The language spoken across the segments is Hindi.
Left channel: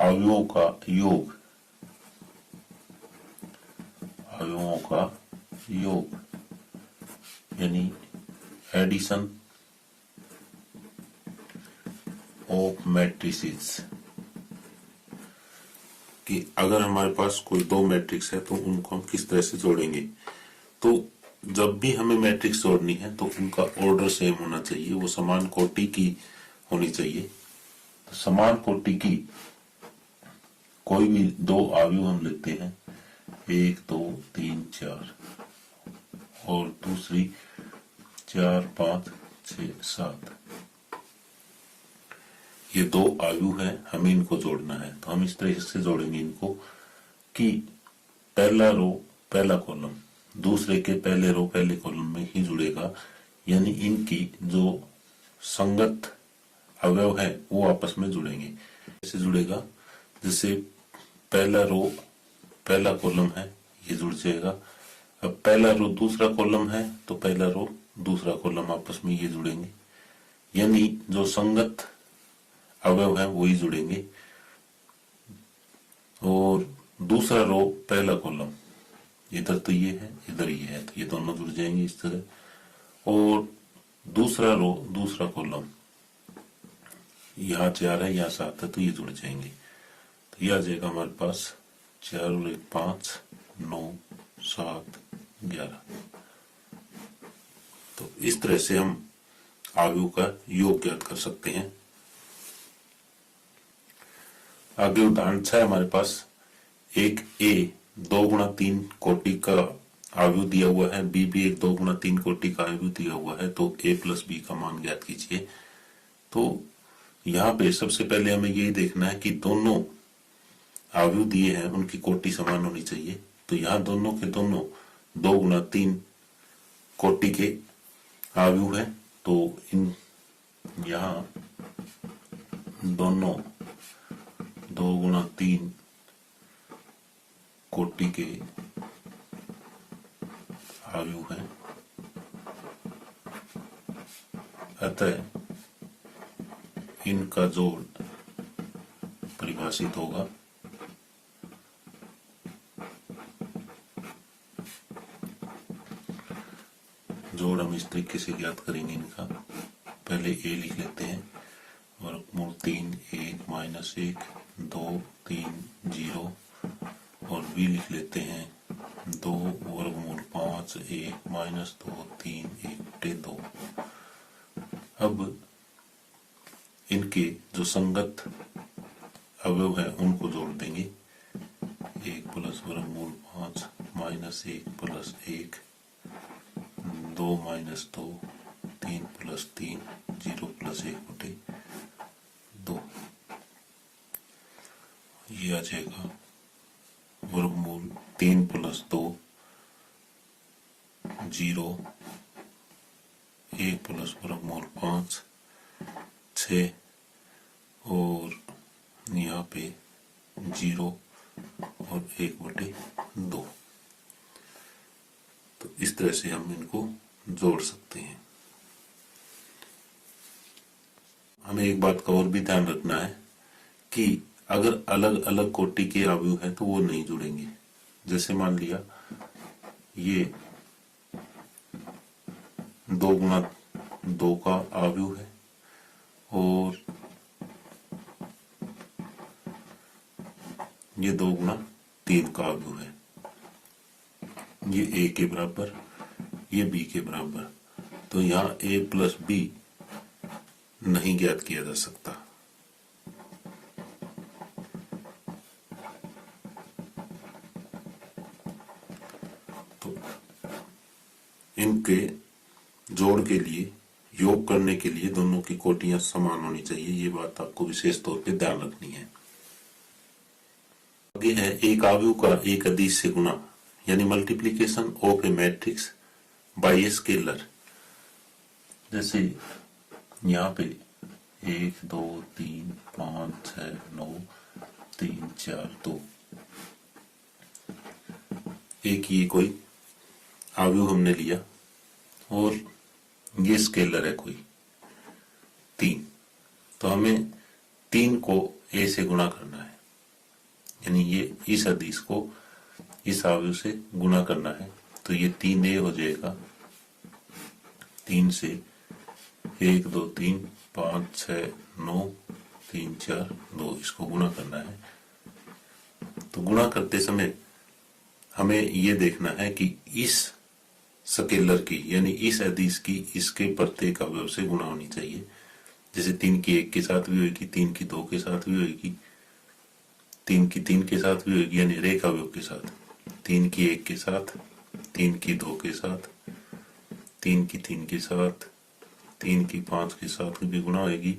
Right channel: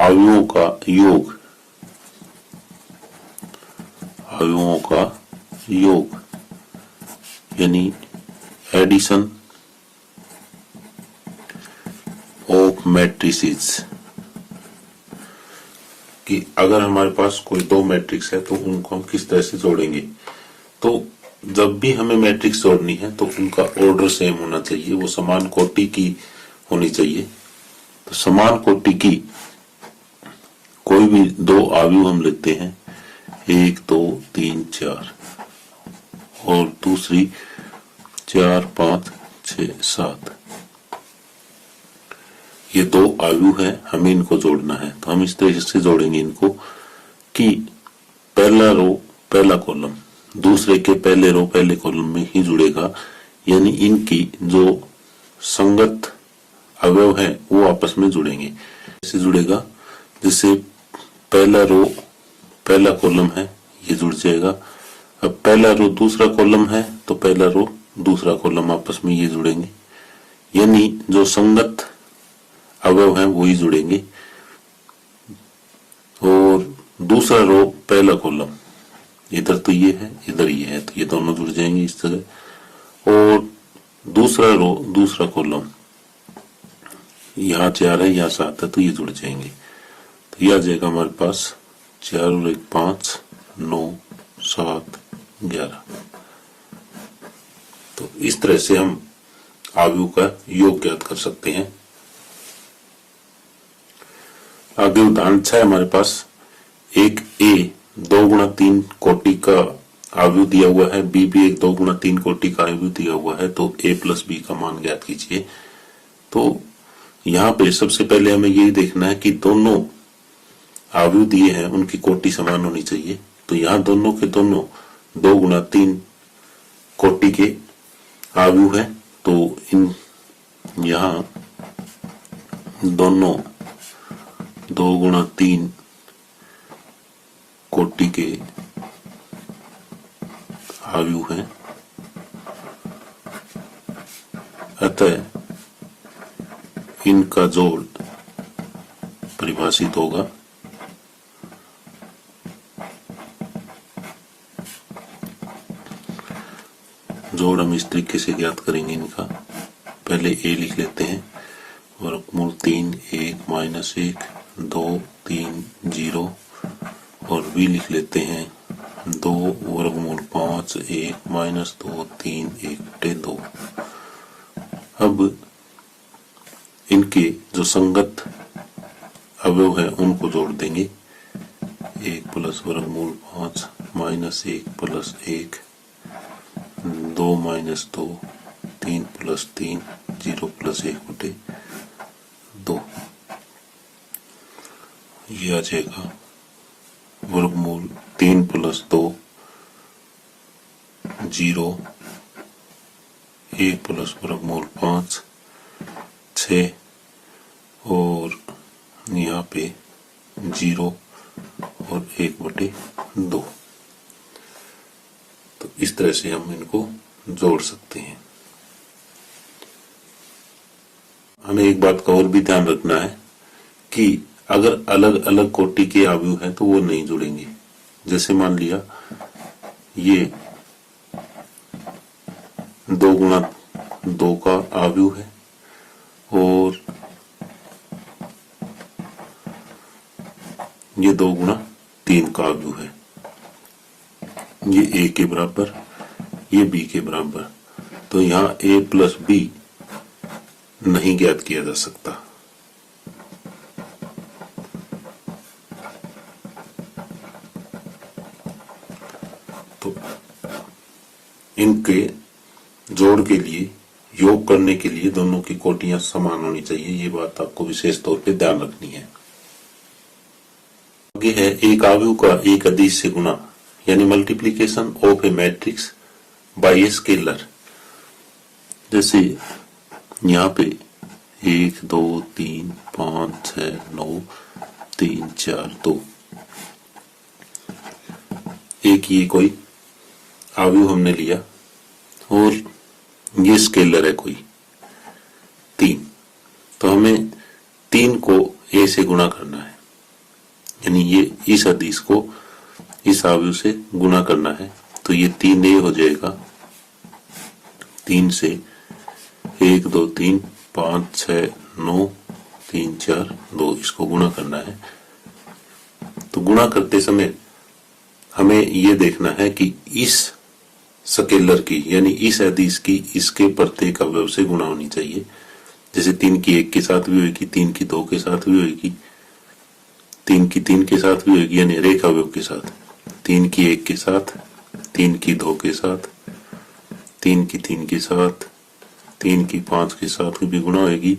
अवयवों का योग, अवयवों का योग यानी एडिशन ऑफ मैट्रिसेस, कि अगर हमारे पास कोई दो मैट्रिक्स है तो उनको हम किस तरह से जोड़ेंगे। तो जब भी हमें मैट्रिक्स जोड़नी है तो उनका ऑर्डर सेम होना चाहिए, वो समान कोटि की होनी चाहिए। तो समान कोटि की कोई भी दो अवयव हम लेते हैं, 1 2 3 4 और दूसरी 4 5 6 7, ये दो अवयव है, हमें इनको जोड़ना है। तो हम इस तरह से जोड़ेंगे इनको कि पहला रो पहला कॉलम दूसरे के पहले रो पहले कॉलम में ही जुड़ेगा, यानी इनकी जो संगत अवयव है वो आपस में जुड़ेंगे। ऐसे जुड़ेगा जैसे पहला रो पहला कॉलम है ये जुड़ जाएगा, अब पहला रो दूसरा कॉलम है तो पहला रो दूसरा कॉलम आपस में ये जुड़ेंगे, यानी जो संगत अवयव है वो ही जुड़ेंगे। और दूसरा रो पहला कॉलम, इधर तो ये है इधर ये है तो ये दोनों जुड़ जाएंगे इस तरह। और दूसरा रो दूसरा कॉलम, यहाँ 4 है यहाँ 7 है तो ये जुड़ जाएंगे। तो ये आ जाएगा हमारे पास 4 और 1 5 9 7 11। तो इस तरह से हम अवयव का योग ज्ञात कर सकते हैं। आगे उदाहरण 6 हमारे पास एक ए 2 गुणा 3 कोटि का अवयव दिया हुआ है, बी भी एक 2 गुणा 3 कोटि का अवयव दिया हुआ है, तो ए प्लस बी का मान ज्ञात कीजिए। तो यहाँ पे सबसे पहले हमें यही देखना है कि दोनों अवयव दिए हैं उनकी कोटि समान होनी चाहिए। तो यहाँ दोनों के दोनों 2 गुणा 3 कोटि के अवयव है, तो इन यहाँ दोनों 2 गुणा 3 कोटि के अवयव हैं, अतः इनका जोड़ परिभाषित होगा जोड़ हम इस तरीके से ज्ञात करेंगे इनका। पहले ए लिख लेते हैं, वर्गमूल 3 1 माइनस 1 2 3 0, और बी लिख लेते हैं 2 वर्गमूल 5 1 माइनस 2 3 1 बटे 2। अब इनके जो संगत अवयव है उनको जोड़ देंगे, 1 प्लस वर्गमूल 5 minus 1 plus 1 2 minus 2 3 plus 3 0 plus 1 बटे 2। ये आ जाएगा वर्गमूल 3 प्लस 2 0 1 प्लस वर्गमूल 5 6 और यहाँ पे 0 और 1 बटे 2। तो इस तरह से हम इनको जोड़ सकते हैं। हमें एक बात का और भी ध्यान रखना है कि अगर अलग अलग कोटि के अवयव हैं तो वो नहीं जुड़ेंगे। जैसे मान लिया ये 2 गुणा 2 का अवयव है और ये 2 गुणा 3 का अवयव है, ये ए के बराबर ये बी के बराबर, तो यहाँ ए प्लस बी नहीं ज्ञात किया जा सकता। तो इनके जोड़ के लिए योग करने के लिए दोनों की कोटियां समान होनी चाहिए, ये बात आपको विशेष तौर पे ध्यान रखनी है। आगे है एक अवयव का एक अदिश से गुणा, यानी multiplication of A matrix bye a scalar. जैसे यहाँ पे 1 2 3 5 6 9 3 4 2, एक ये कोई अवयव हमने लिया और ये स्केलर है कोई 3, तो हमें 3 को ए से गुणा करना है। यानी ये इस अदिश को इस अवयव से गुना करना है, तो ये 3a हो जाएगा। 3 से 1 2 3 5 6 9 3 4 2 इसको गुणा करना है। तो गुणा करते समय हमें ये देखना है कि इस स्केलर की यानी इस अदिश की इसके प्रत्येक अवयव से गुणा होनी चाहिए। जैसे 3 की 1 के साथ भी होगी, 3 की 2 के साथ भी होगी, 3 की 3 के साथ भी होगी, यानी रेख अवयव के साथ 3 की 1 के साथ, 3 की 2 के साथ, 3 की 3 के साथ, 3 की 5 के साथ भी गुणा होगी,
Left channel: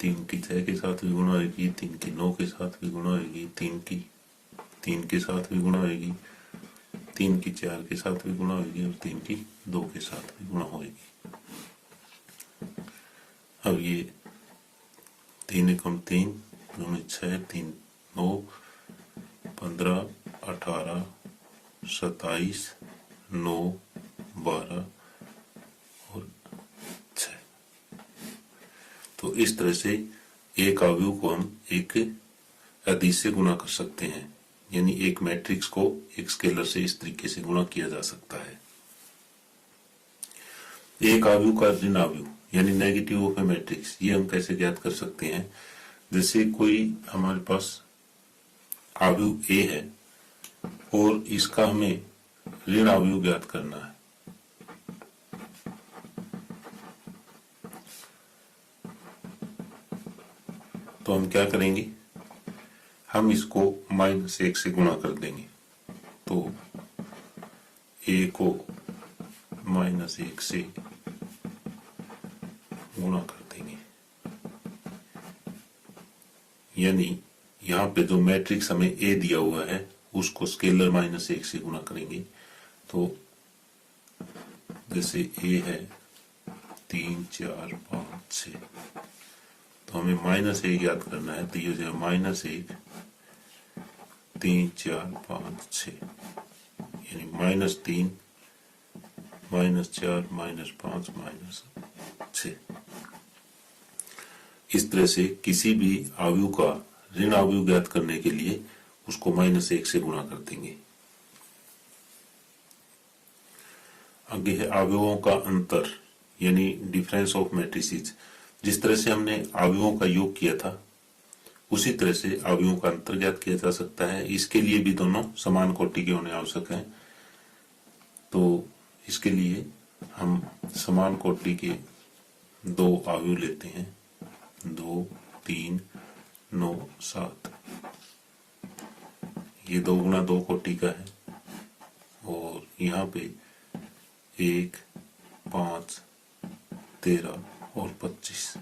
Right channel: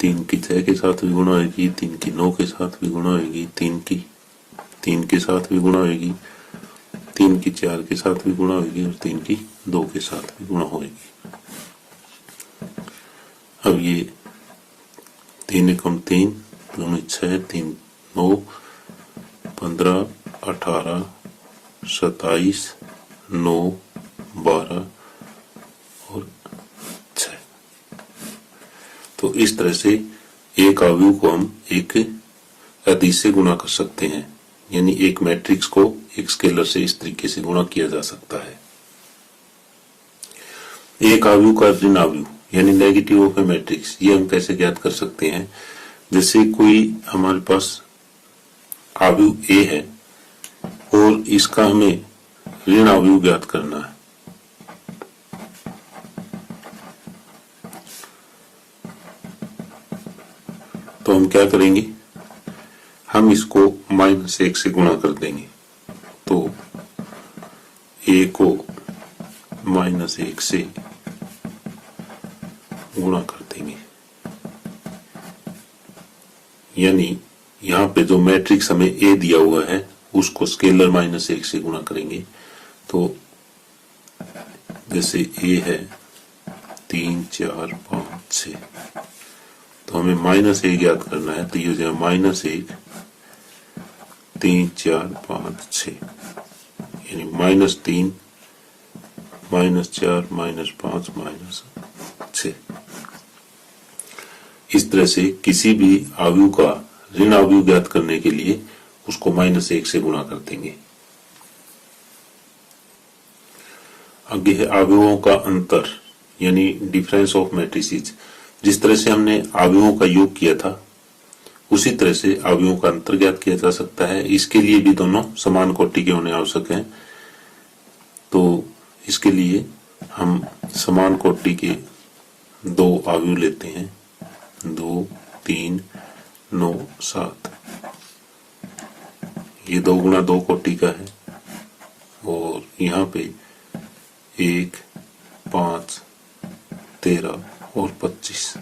3 की 6 के साथ भी गुणा होगी, 3 की 9 के साथ भी गुणा होगी, 3 की 3 के साथ भी गुणा होगी, 3 की 4 के साथ भी गुणा होगी और 3 की 2 के साथ भी गुणा होगी। अब ये 3 एकम 3 2 6 3 9 15 18 27 9 12 और 6। तो इस तरह से एक अवयव को हम एक अदिश से गुणा कर सकते हैं, यानी एक मैट्रिक्स को एक स्केलर से इस तरीके से गुणा किया जा सकता है। एक अवयव का ऋण अवयव यानी नेगेटिव ऑफ ए मैट्रिक्स, ये हम कैसे ज्ञात कर सकते हैं? जैसे कोई हमारे पास अवयव ए है और इसका हमें ऋण अवयव ज्ञात करना है, तो हम क्या करेंगे? हम इसको -1 से गुणा कर देंगे, तो a को -1 से गुणा कर देंगे। यानी यहाँ पे जो मैट्रिक्स हमें a दिया हुआ है उसको स्केलर -1 से गुणा करेंगे। तो जैसे a है 3 4 5 6, तो हमें -1 ज्ञात करना है, तो ये हो जाएगा -1 3 4 5 6, यानी -3 -4 -5 -6। इस तरह से किसी भी अवयव का ऋण अवयव ज्ञात करने के लिए उसको -1 से गुणा कर देंगे। आगे है अवयवों का अंतर यानी डिफरेंस ऑफ मैट्रिसेस। जिस तरह से हमने अवयवों का योग किया था उसी तरह से अवयवों का अंतर ज्ञात किया जा सकता है। इसके लिए भी दोनों समान कोटि के होने आवश्यक हैं। तो इसके लिए हम समान कोटि के 2 अवयव लेते हैं, 2 3 9 7। ये 2 गुणा 2 कोटि का है और यहाँ पे 1 5 13 और 25,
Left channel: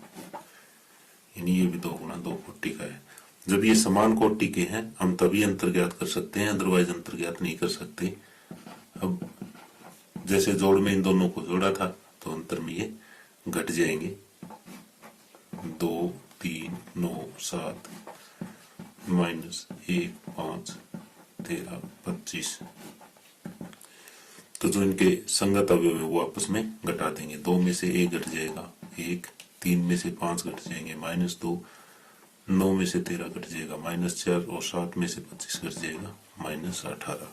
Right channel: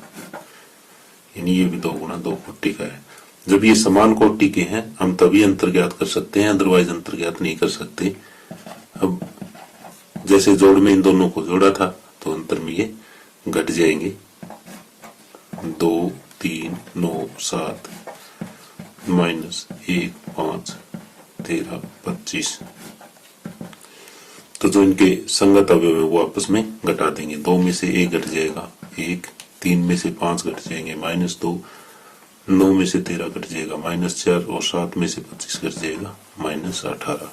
यानी ये भी 2 गुणा 2 कोटि का है। जब ये समान कोटि के हैं हम तभी अंतर ज्ञात कर सकते हैं, अदरवाइज अंतर ज्ञात नहीं कर सकते। अब जैसे जोड़ में इन दोनों को जोड़ा था तो अंतर में ये घट जाएंगे, 2 3 9 7 -1 5 13 25। तो जो इनके संगत अवयव है वो आपस में घटा देंगे। 2 में से 1 घट जाएगा 1, 3 में से 5 घट जाएंगे -2, 9 में से 13 घट जाएगा -4 और 7 में से 25 घट जाएगा -18।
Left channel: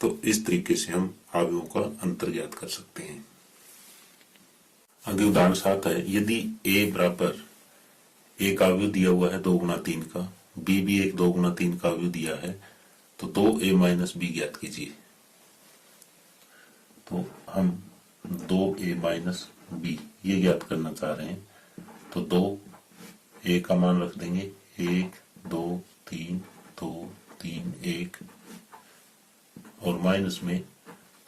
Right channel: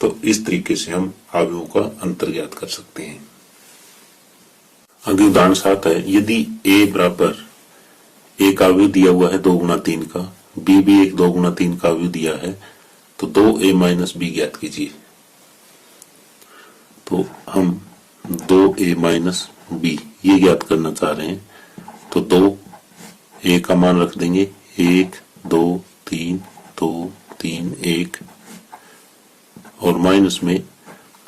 तो इस तरीके से हम अवयवों का अंतर ज्ञात कर सकते हैं। आगे उदाहरण 7 है, यदि a बराबर एक अवयव दिया हुआ है 2 गुना 3 का, b भी एक 2 गुना 3 का अवयव दिया है, तो 2a - b ज्ञात कीजिए। तो हम 2a - b ये ज्ञात करना चाह रहे हैं, तो 2 a का मान रख देंगे 1 2 3 2 3 1 और माइनस में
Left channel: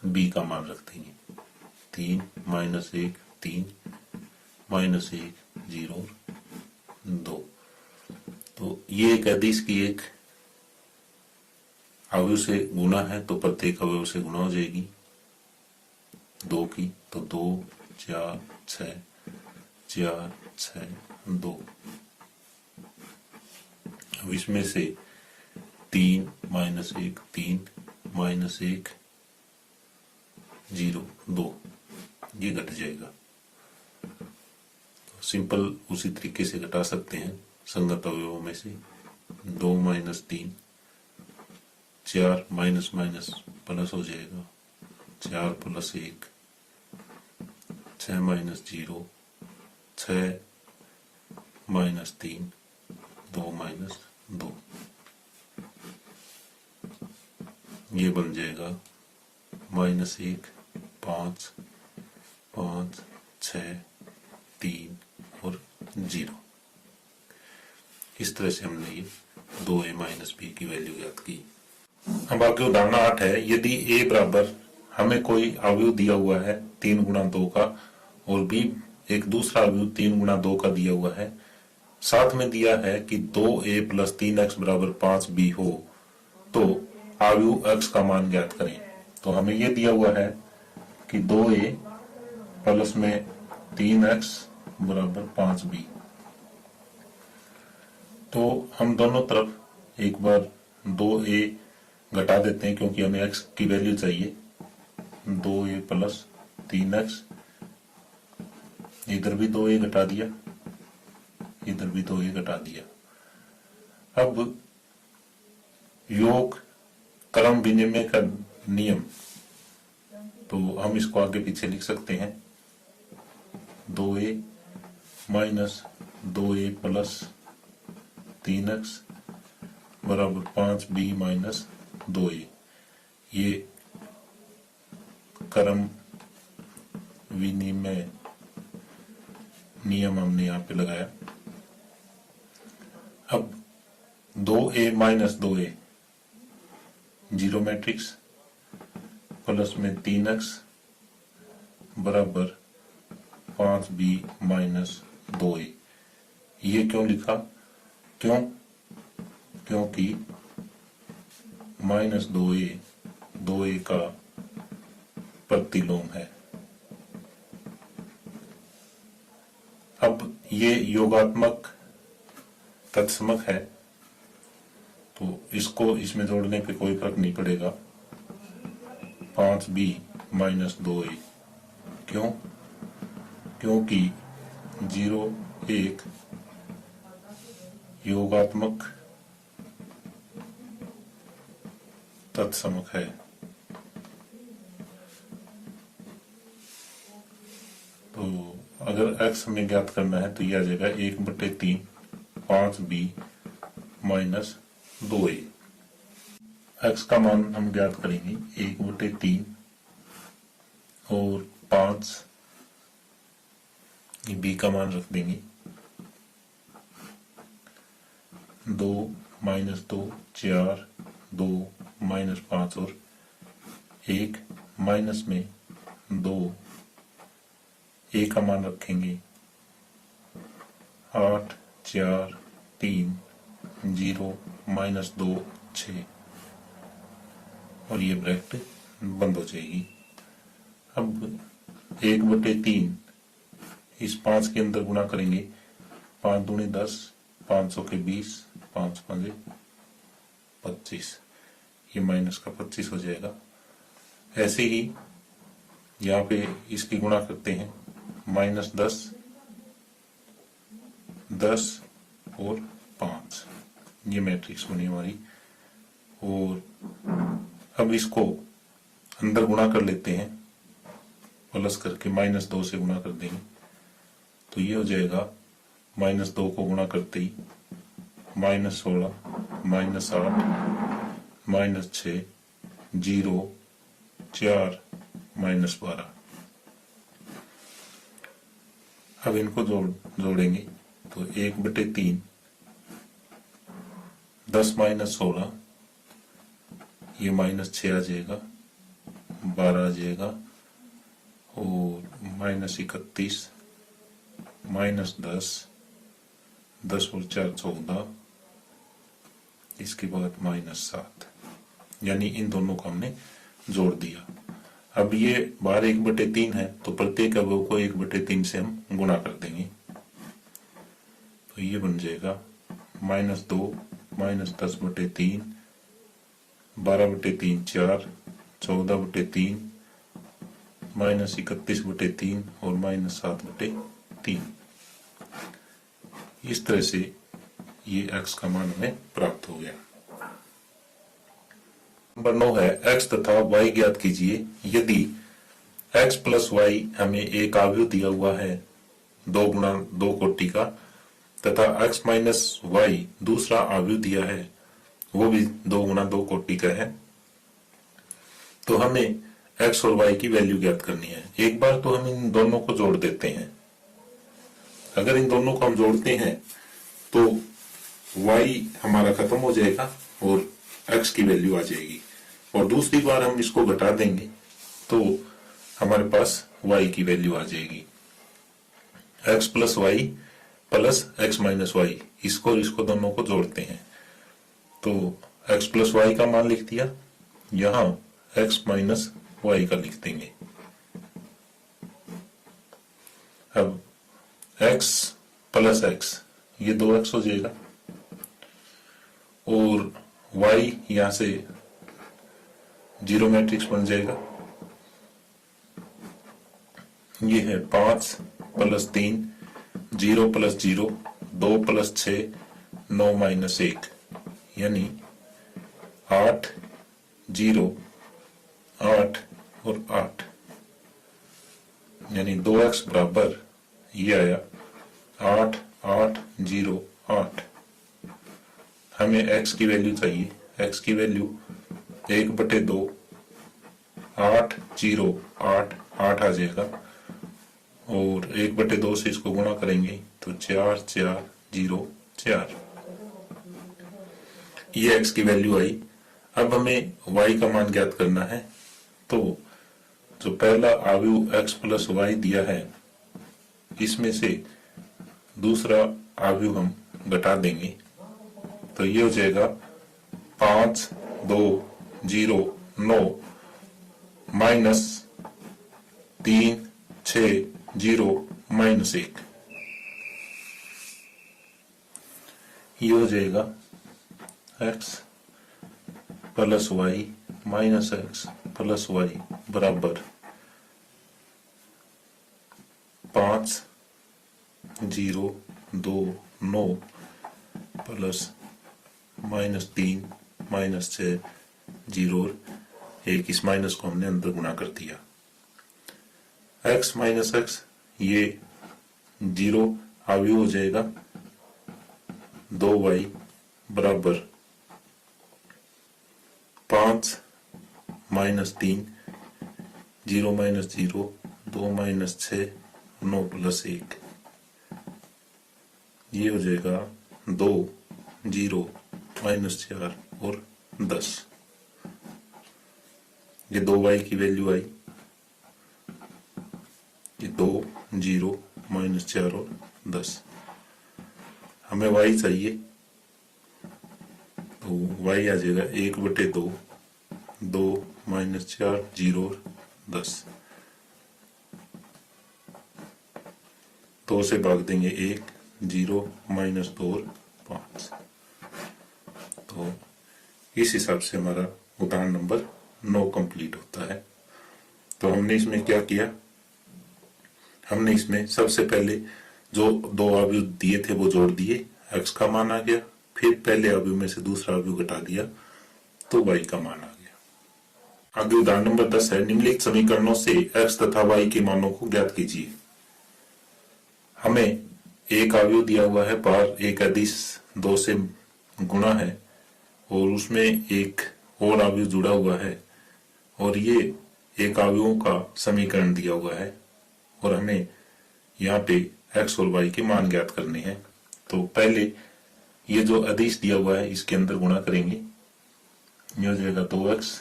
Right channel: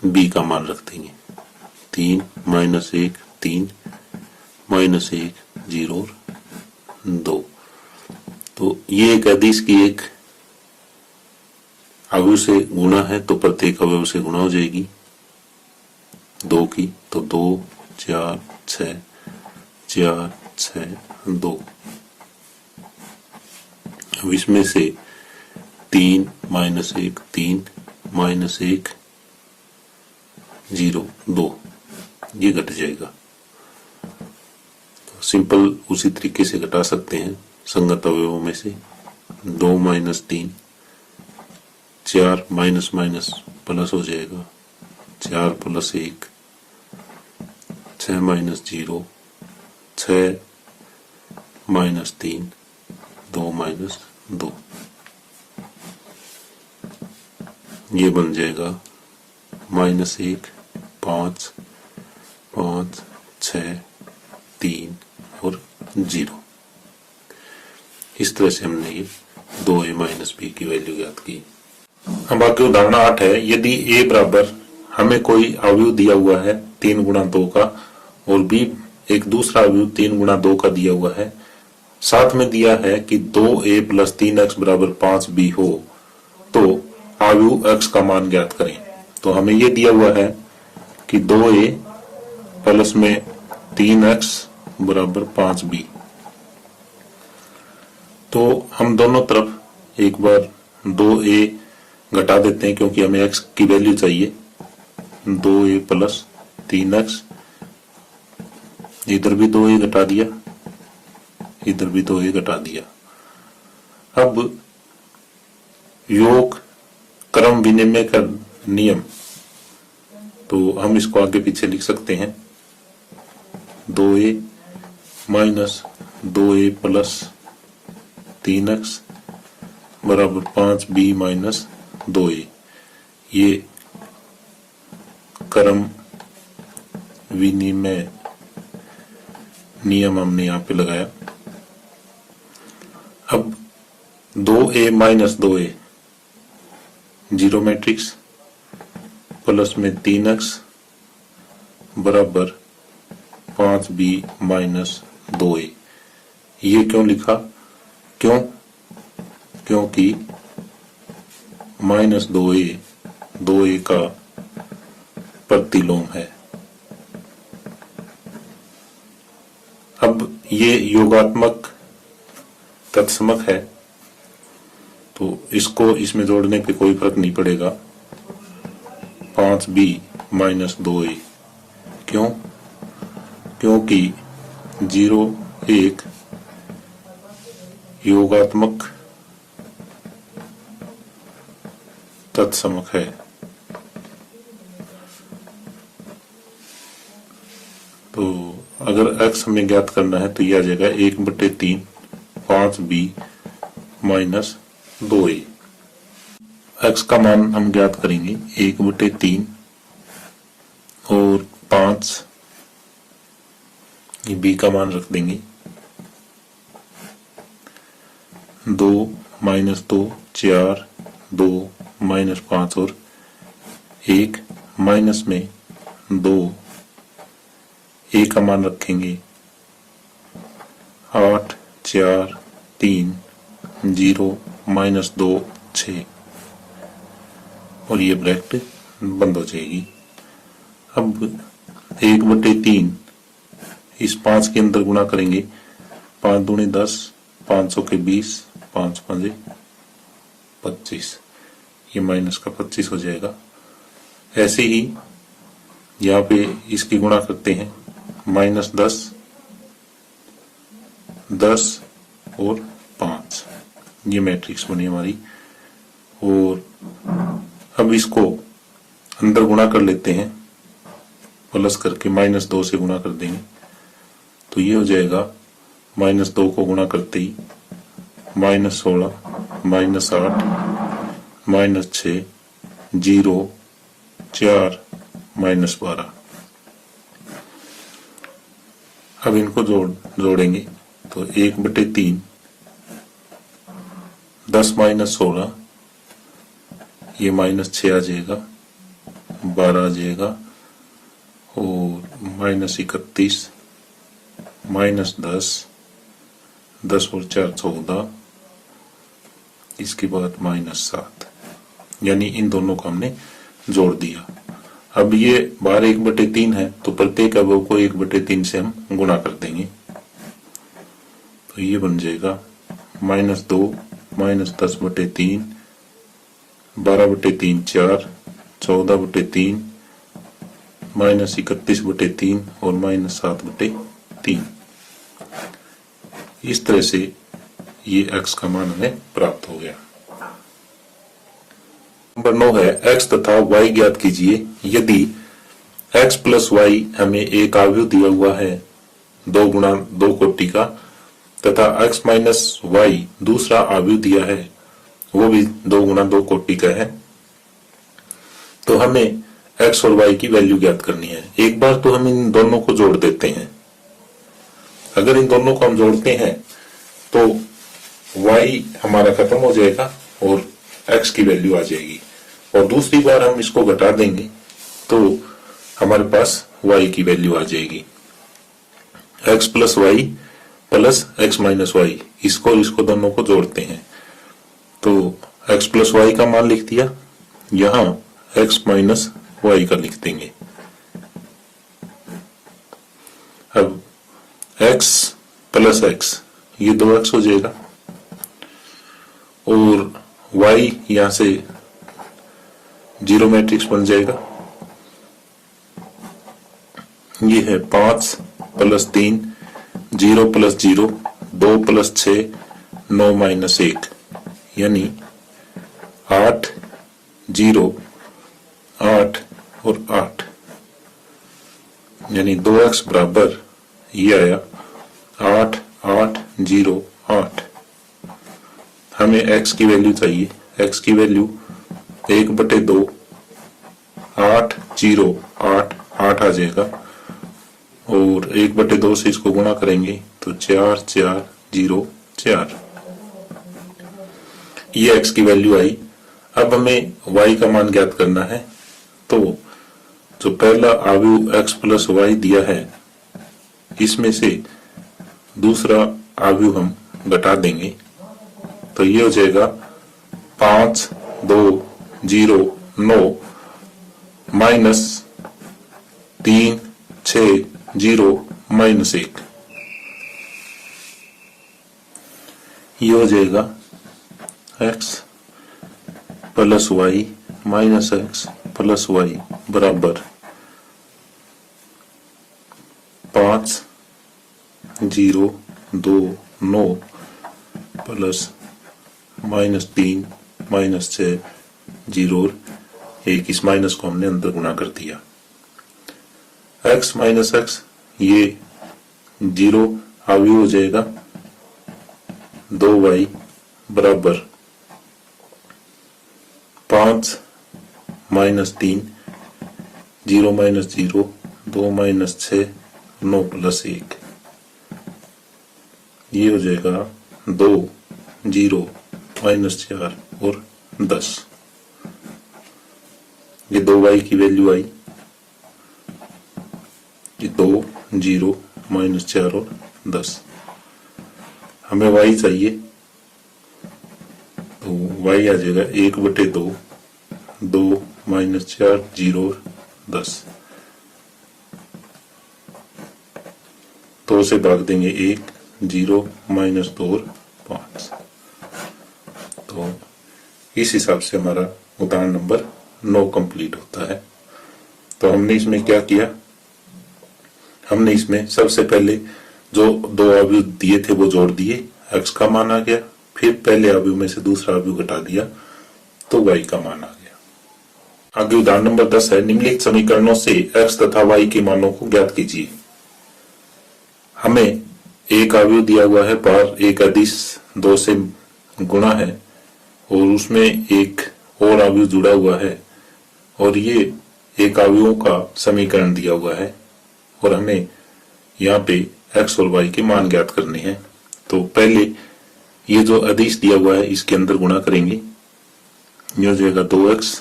b का मान रख देंगे 3 -1 3 -1 0 और 2। तो ये एक अदिश की एक अवयव से गुणा है, तो प्रत्येक अवयव से गुणा हो जाएगी 2 की, तो 2 4 6 4 6 2। अब इसमें से 3 -1 3 -1 0 2 ये घट जाएगा। तो सिंपल उसी तरीके से घटा सकते हैं संगत अवयवों में से। 2 माइनस 3, 4 माइनस माइनस प्लस हो जाएगा, 4 प्लस 1, 6 माइनस 0, 6 माइनस 3, 2 माइनस 2, ये बन जाएगा -1, 5, 5, 6, 3 और 0। इस तरह से हमने ये 2a माइनस बी की वैल्यू ज्ञात की। अब आगे उदाहरण 8 है। यदि a बराबर हमें कोई अवयव दिया हुआ है 3 गुणा 2 का और b एक दूसरा अवयव 3 गुणा 2 का दिया हुआ है, साथ में दिया है कि 2a प्लस 3x बराबर 5b हो, तो अवयव x का मान ज्ञात करें। तो हमें ये दिया हुआ है कि 2a प्लस में 3x बराबर 5b। तो हम दोनों तरफ एक बार 2a घटा देते हैं क्योंकि हमें x की वैल्यू चाहिए। 2a प्लस 3x, इधर भी 2a घटा दिया, इधर भी 2a घटा दिया। अब योग क्रम विनिमय का नियम, तो हम इसको आगे पीछे लिख सकते हैं। 2a minus 2a plus 3x बराबर 5b माइनस 2a, ये क्रम विनिमय नियम हमने यहाँ पे लगाया। अब 2a minus 2a zero matrix plus में 3x बराबर 5b माइनस 2a। ये क्यों लिखा? क्योंकि माइनस 2a का प्रतिलोम है। अब ये योगात्मक तत्समक है, तो इसको इसमें जोड़ने पे कोई फर्क नहीं पड़ेगा। 5b माइनस 2a, क्योंकि 0, 1 योगात्मक तत्समक है। तो अगर x हमें ज्ञात करना है तो यह आ जाएगा 1/3 5b माइनस 2a। x का मान हम ज्ञात करेंगे 1/3 और 5, b का मान रख देंगे 2 माइनस 2 4, 2 माइनस 5 और 1 माइनस में 2, a का मान रखेंगे 8, 4, 3, 0 माइनस 2 6 और ये ब्रैकेट बंद हो जाएगी। अब 1/3 इस 5 के अंदर गुणा करेंगे, 5 दूनी 10, 500 के 20, 5 5 25, ये माइनस का 25 हो जाएगा। ऐसे ही यहाँ पे इसकी गुणा करते हैं, माइनस 10, 10 और 5, ये मैट्रिक्स बनी हमारी। और अब इसको अंदर गुणा कर लेते हैं, प्लस करके -2 से गुणा कर देंगे, तो ये हो जाएगा -2 को गुणा करते ही -16, -8, -6, 0, 4, -12। अब इनको जोड़ेंगे तो 1/3 10 माइनस 16, ये -6 आ जाएगा, 12 आ जाएगा और -31, -10, 10 और 4 14, इसके बाद -7, यानी इन दोनों को हमने जोड़ दिया। अब ये बाहर 1/3 है तो प्रत्येक अवयव को 1/3 से हम गुणा कर देंगे, तो ये बन जाएगा -2 -10/3, 12/3 4, 14/3, -31/3 और -7/3। इस तरह से ये x का मान हमें प्राप्त हो गया। नंबर 9 है x तथा y ज्ञात कीजिए। यदि x प्लस वाई हमें एक अवयव दिया हुआ है 2 गुणा 2 कोटि का, तथा x माइनस वाई दूसरा अवयव दिया है वो भी 2 गुणा 2 कोटि का है, तो हमें x और y की वैल्यू ज्ञात करनी है। एक बार तो हम इन दोनों को जोड़ देते हैं। अगर इन दोनों को हम जोड़ते हैं तो y हमारा खत्म हो जाएगा और x की वैल्यू आ जाएगी, और दूसरी बार हम इसको घटा देंगे तो हमारे पास y की वैल्यू आ जाएगी। x plus y plus x minus y, इसको दोनों को जोड़ते हैं तो x प्लस वाई का मान लिख दिया, यहां x माइनस वाई का लिख देंगे। अब x प्लस x ये 2x हो जाएगा, और y यहां से जीरो मैट्रिक्स बन जाएगा। ये है 5 प्लस 3, 0 प्लस 0, 2 प्लस 6, 9 माइनस 1, यानी 8, 0, 8 और 8, यानी 2x बराबर ये आया 8, 8, 0, 8। हमें x की वैल्यू चाहिए। x की वैल्यू 1/2, 8, 0, 8, 8 आ जाएगा, और 1/2 से इसको गुणा करेंगे तो 4, 4, 0, 4। ये x की वैल्यू आई। अब हमें y का मान ज्ञात करना है, तो जो पहला अवयव x प्लस वाई दिया है इसमें से दूसरा अवयव हम घटा देंगे तो ये हो जाएगा 5, 2, 0, 9 माइनस 3, 6, 0 माइनस 1। ये हो जाएगा x plus y minus x plus y बराबर 5, 0, 2, 9 प्लस माइनस 3 माइनस 6, 0 और 1। इस माइनस को हमने अंदर गुणा कर दिया। x माइनस x ये 0 अवयव हो जाएगा, 2y बराबर 5 माइनस 3, 0 माइनस 0, 2 माइनस 6, 9 प्लस 1। ये हो जाएगा 2, 0 माइनस 4 और 10। ये 2y की वैल्यू आई, ये 2, 0 माइनस 4 और 10। हमें y चाहिए तो y आ जाएगा 1/2, 2 माइनस 4, 0 और 10। 2 से भाग देंगे 1, 0 माइनस 2 और 5। तो इस हिसाब से हमारा उदाहरण नंबर 9 कंप्लीट होता है। तो हमने इसमें क्या किया, हमने इसमें सबसे पहले जो 2 अवयव दिए थे वो जोड़ दिए, x का मान आ गया, फिर पहले अवयव में से दूसरा अवयव घटा दिया तो y का मान आ गया। आगे उदाहरण नंबर 10 है, निम्नलिखित समीकरणों से x तथा y के मानों को ज्ञात कीजिए। हमें एक अवयव दिया हुआ है, पर एक अदिश 2 से गुणा है और उसमें एक और अवयव जुड़ा हुआ है, और ये एक अवयवों का समीकरण दिया हुआ है, और हमें यहाँ पे x और y के मान ज्ञात करने हैं। तो पहले ये जो अदिश दिया हुआ है इसके अंदर गुणा करेंगे, ये हो जाएगा 2x,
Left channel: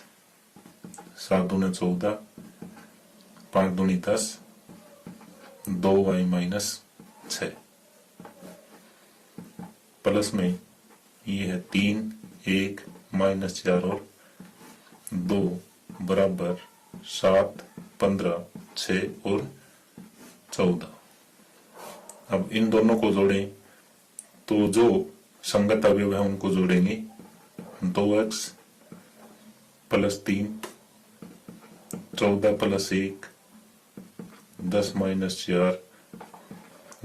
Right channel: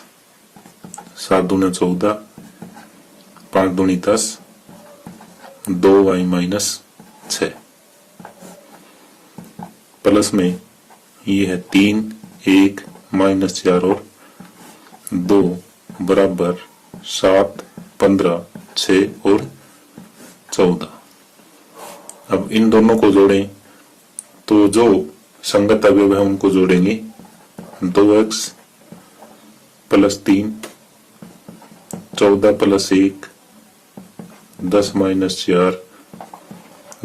7 दूनी 14, 5 दूनी 10, 2y माइनस 6, प्लस में ये है 3, 1 माइनस 4 और 2 बराबर 7, 15, 6 और 14। अब इन दोनों को जोड़ें तो जो संगत अवयव है उनको जोड़ेंगे। 2x plus 3, 14 plus 1, 10 minus 4,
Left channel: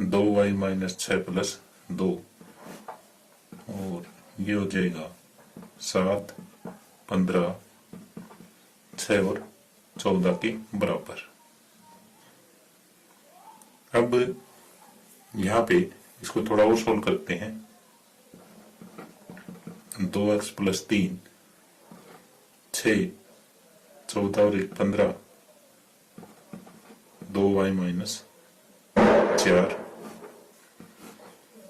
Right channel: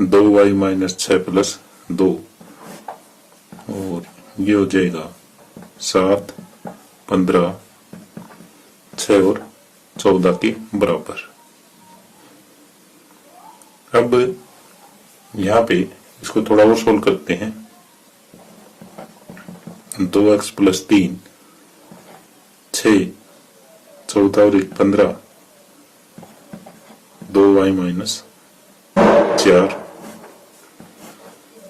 2y minus 6 plus 2, और ये हो जाएगा 7, 15, 6 और 14 के बराबर। अब यहाँ पे इसको थोड़ा और सोल्व करते हैं। 2x + 3, 6, 14 और 1 15, 2y - 4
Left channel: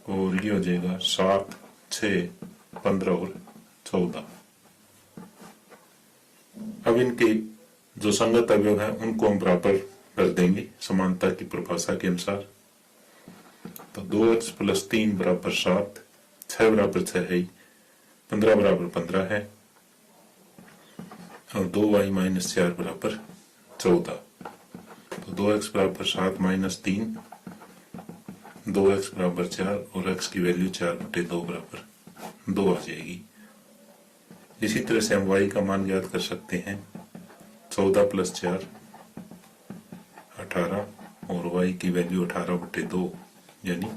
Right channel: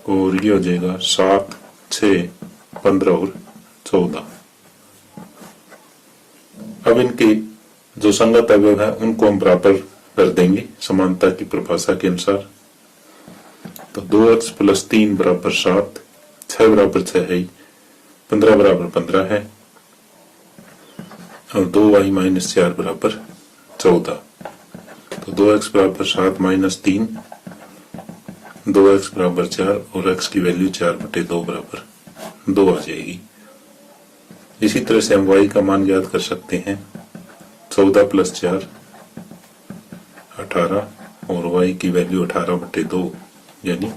और ये हो जाएगा 7, 6, 15 और 14। अब इनके जो संगत अवयव है उनको हम बराबर कर देंगे समानता की परिभाषा के अनुसार। तो 2x + 3 = 7, 6 = 6 है, 15 = 15 है और 2y - 4 = 14। तो 2x = 7 - 3, 2x = 4 और x की वैल्यू 4/2 = 2 आ जाएगी। इसी तरह से हम y का मान ज्ञात कर सकते हैं। 14 + 4 18 और y की वैल्यू 18/2 यानी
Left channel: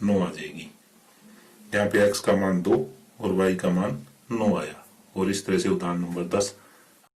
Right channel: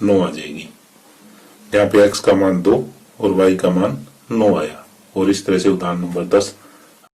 9 आ जाएगी। यहाँ पे x का मान 2 और y का मान 9 आया। और इस तरह से उदाहरण नंबर 10